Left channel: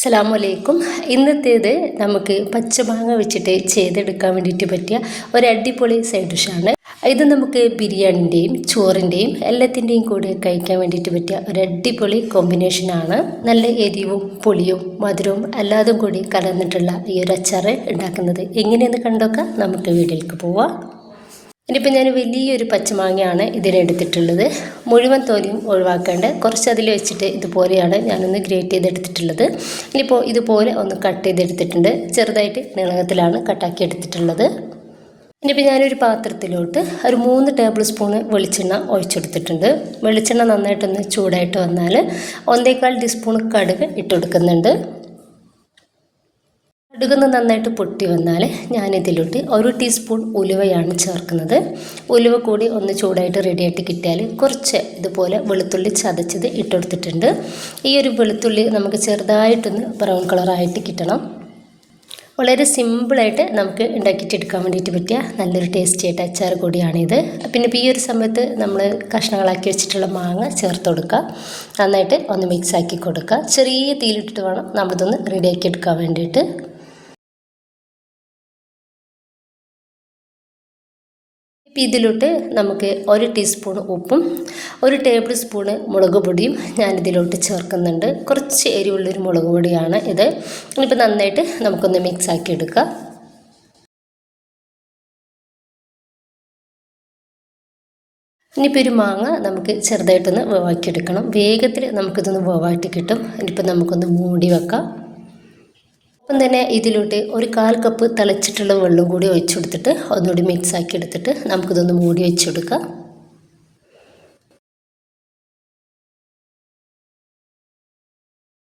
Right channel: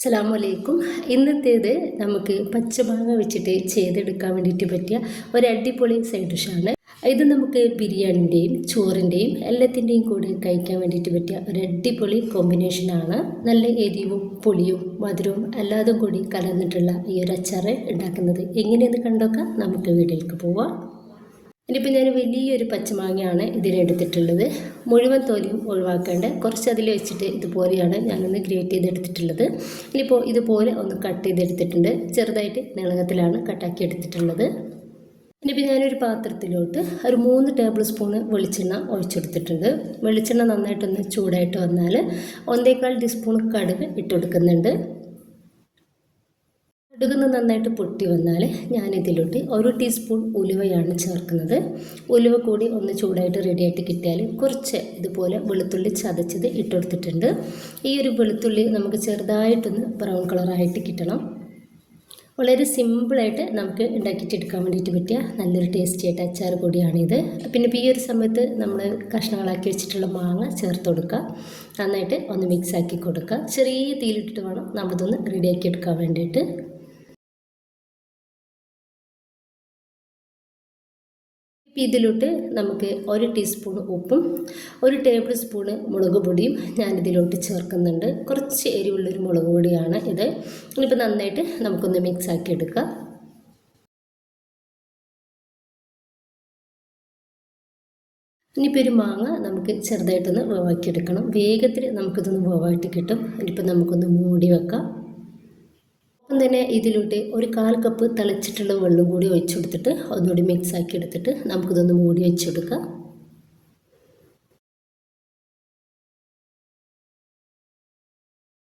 അസ്സലാമലൈക്കും. ഇന്നത്തേത് നമുക്ക് പച്ചമാങ്ങ വെച്ചിട്ട് ചെയ്തെടുക്കാൻ വേണ്ടിയിട്ട് പറ്റിയ ഒരു അടിപൊളി സൈഡ് ഡിഷാണ്. ഇത് നമുക്ക് ബിരിയാണിൻ്റെയും ചോറിൻ്റെയും എല്ലാത്തിൻ്റെയും കൂടെ കഴിക്കാൻ വേണ്ടിയിട്ട് പറ്റിയ ഒരു അടിപൊളി കോമ്പിനേഷനാണ്. നല്ല എരിവും പുളിയും മധുരവും എല്ലാതും കൂടി കലർന്നിട്ടുള്ള ഈ ഒരു അച്ചാർ ഉണ്ടാക്കുന്നത് എങ്ങനെയെന്ന് കണ്ടോക്കാം. നമുക്ക് വീട്ടിലേക്ക് പോവാം. ഇനിയിപ്പോൾ ഞാൻ വലിയൊരു പച്ചമാങ്ങയാണ് ഇതിനെടുത്തിട്ടുള്ളത്. മുഴുവൻ തോലിയും ഒഴിവാക്കേണ്ട കുറച്ച് അതിൽ വെച്ചിട്ട് ഇതുപോലെയാണ് ഞാനൊന്ന് ഗ്രേറ്റ് ചെയ്തെടുത്തിട്ടുള്ളത്. ഇനിയിപ്പോൾ ഇതുപോലെ ഒന്ന് കട്ട് ചെയ്തെടുത്തിട്ടുണ്ട്. ചെറുതായിട്ട് നീളത്തിലാണ് കട്ടാക്കി എടുത്തിട്ടുള്ളത്. ഇനിയിപ്പോൾ ഞാനൊരു പാത്രത്തിലോട്ട് ഒരു 3 ടേബിൾ സ്പൂണ് വെളിച്ചെണ്ണ ഒഴിച്ചെടുത്തിട്ടുണ്ട്. വെളിച്ചെണ്ണ നന്നായിട്ടൊന്ന് ചൂടായിട്ട് വന്നാൽ 1.25 ടീസ്പൂൺ കടുക് ഇട്ട് കൊടുക്കുന്നുണ്ട്. കടുകൊന്ന് നന്നായിട്ട് പൊട്ടി വന്നാൽ ഞാനിതിലോട്ട് 1 ടീസ്പൂൺ ഉലുവയാണ് ചേർക്കുന്നത്. ഉലുവ കൂടി ഒന്ന് ചൂടായിട്ട് റെഡിയായിട്ട് കിട്ടിയാൽ കുറച്ച് ഇതുപോലെ വെളുത്തുള്ളി ചതച്ചത് ഇട്ടെടുത്തിട്ടുണ്ട്. ഈ ഒരു വെളുത്തുള്ളി നമുക്ക് ചെറുതായിട്ടൊന്ന് ബ്രൗൺ കളറായിട്ട് കിട്ടണം. വളരെ സിമ്പിളായിട്ട് നമുക്ക് ഉണ്ടാക്കിയിട്ടെടുക്കാൻ വേണ്ടിയിട്ട് പറ്റിയ നല്ലൊരു ടേസ്റ്റി ആയിട്ട് അച്ചാർ കൂടിയാണിത്. പിന്നെ ഇപ്പോൾ ഈ ഒരു സമയത്ത് നമ്മൾ കഷ്ണങ്ങളാക്കി വെച്ചിട്ടുള്ള മാങ്ങ ചേർത്ത് കൊടുക്കുക. നന്നായിട്ട് ഒന്ന് മിക്സ് ആക്കി കൊടുക്കുക. ചെറിയ തീയിലിട്ടിട്ട് വേണം നമ്മളിതൊന്ന് റെഡിയാക്കി എടുക്കാൻ വേണ്ടിയിട്ട്. ഇതിലോട്ട് നമുക്ക് 1 ടീസ്പൂൺ ഉപ്പും 1 ടേബിൾ സ്പൂണ് മുളക് പൊടിയും ഞാനിതിലോട്ട് ചേർക്കുന്നുണ്ട്. കുറച്ച് എരിവുള്ളൊരു മുളക് പൊടിയാണ് ഇത്. ഇനിയിപ്പോൾ നന്നായിട്ട് നമുക്കൊന്ന് മിക്സ് ആക്കി എടുക്കാം. ഇനിയിപ്പോൾ ഒരു മാങ്ങ നമുക്ക് ചെറുതായിട്ടൊന്ന് വേവാക്കിയെടുക്കണം. വേഗത്തിൽ നമുക്കിതൊന്ന് വേവായിട്ട് കിട്ടും. ഇനിയിപ്പോൾ നമുക്കൊന്ന് മൂടി വെക്കാം. അപ്പം തന്നെ ഇതിലോട്ട് 1/4 കപ്പ് തിളച്ചിട്ടുള്ള വെള്ളം കൂടി ഒഴിച്ചു കൊടുത്തിട്ട് ഒന്നുകൂടി മിക്സ് ആക്കി എടുത്തിട്ട് നമുക്കിതൊന്ന് മൂടി വെച്ച് കൊടുക്കാം.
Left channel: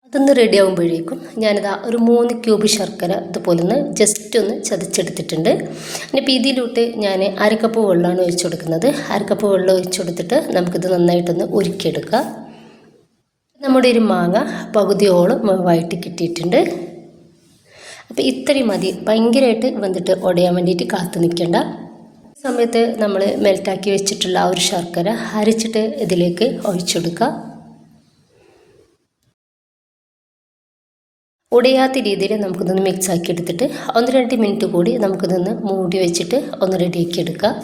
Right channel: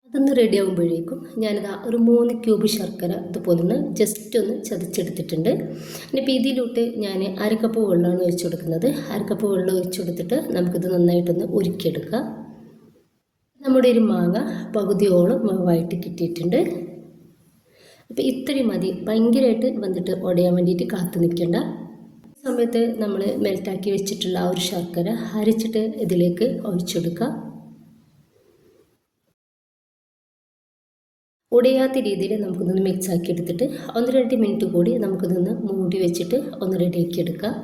അതൊന്ന് റെഡി ആകുമ്പോഴേക്കും ഞാനിതാ ഒരു 3 ക്യൂബ് ശർക്കര ഇതുപോലെ ഒന്ന് ജസ്റ്റ് ഒന്ന് ചതച്ചെടുത്തിട്ടുണ്ട്. ഇനിയിപ്പോൾ ഇതിലോട്ട് ഞാൻ 1/2 കപ്പ് വെള്ളമാണ് ഒഴിച്ചു കൊടുക്കുന്നത്. 1/2 കപ്പ് വെള്ളം ഒഴിച്ചു കൊടുത്തിട്ട് നമുക്കിത് നന്നായിട്ടൊന്ന് ഉരുക്കിയെടുക്കാം. നമ്മുടെ ഒരു മാങ്ങ പകുതിയോളം വേവായിട്ട് കിട്ടിയിട്ടുണ്ട്. അപ്പോൾ ഇത്രയും മതി. ഭയങ്കരമായിട്ട് വന്നിട്ട് ഉടയാൻ വേണ്ടിയിട്ട് കാത്തു നിൽക്കേണ്ട. ഈ സമയത്ത് നമ്മൾ മെൽറ്റാക്കി വെച്ചിട്ടുള്ള ആ ഒരു ശർക്കര അരച്ചിട്ട് ഇതിലേക്ക് ഒഴിച്ചെടുക്കുക. ഉടയാത്ത രീതിയിൽ നമുക്കിതൊന്ന് മിക്സ് ആക്കി എടുത്തിട്ട് 1-2 മിനിറ്റ് കൂടി നമുക്കിതൊന്ന് മൂടി വെച്ചിട്ട് ഒന്ന് റെഡിയാക്കി എടുക്കാം.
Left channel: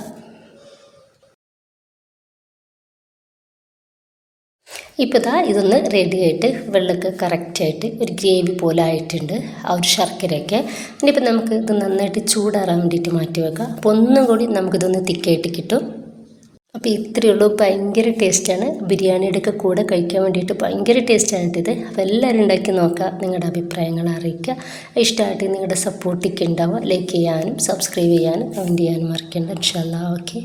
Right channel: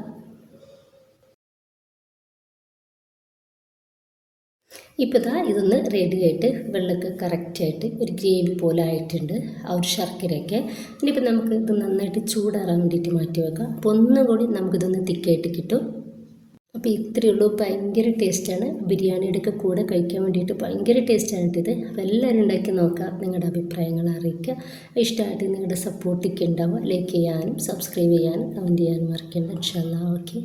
ഇപ്പോൾ ഇതൊന്ന് റെഡിയായിട്ട് വെള്ളമൊക്കെ കറക്റ്റായിട്ട് ഒരു ഗ്രേവി പോലെ ആയിട്ടുണ്ട് ആ ഒരു ശർക്കരയൊക്കെ. ഇനിയിപ്പോൾ നമുക്ക് ഇത് നന്നായിട്ട് ചൂടാറാൻ വേണ്ടിയിട്ട് മാറ്റി വെക്കാം. അപ്പോൾ ഒന്നും കൂടി നമുക്കിതൊന്ന് തിക്കായിട്ട് കിട്ടും. അപ്പോൾ ഇത്രയേ ഉള്ളൂ. ഭയങ്കര ടേസ്റ്റാണ്. ബിരിയാണിയുടെയൊക്കെ കൂടെ കഴിക്കാൻ വേണ്ടിയിട്ട് ഭയങ്കര ടേസ്റ്റാണിത്. അപ്പോൾ എല്ലാവരും ഉണ്ടാക്കി നോക്കുക. നിങ്ങളുടെ അഭിപ്രായങ്ങൾ അറിയിക്കുക. ഇഷ്ടമായിട്ട് നിങ്ങളുടെ സപ്പോർട്ടൊക്കെ ഉണ്ടാവുക. ലൈക്ക് ചെയ്യാനും സബ്സ്ക്രൈബ് ചെയ്യാനും കമൻറ്റ് ചെയ്യാനും മറക്കണ്ട. ഇൻഷാ അല്ലാഹ്. ഓക്കെ.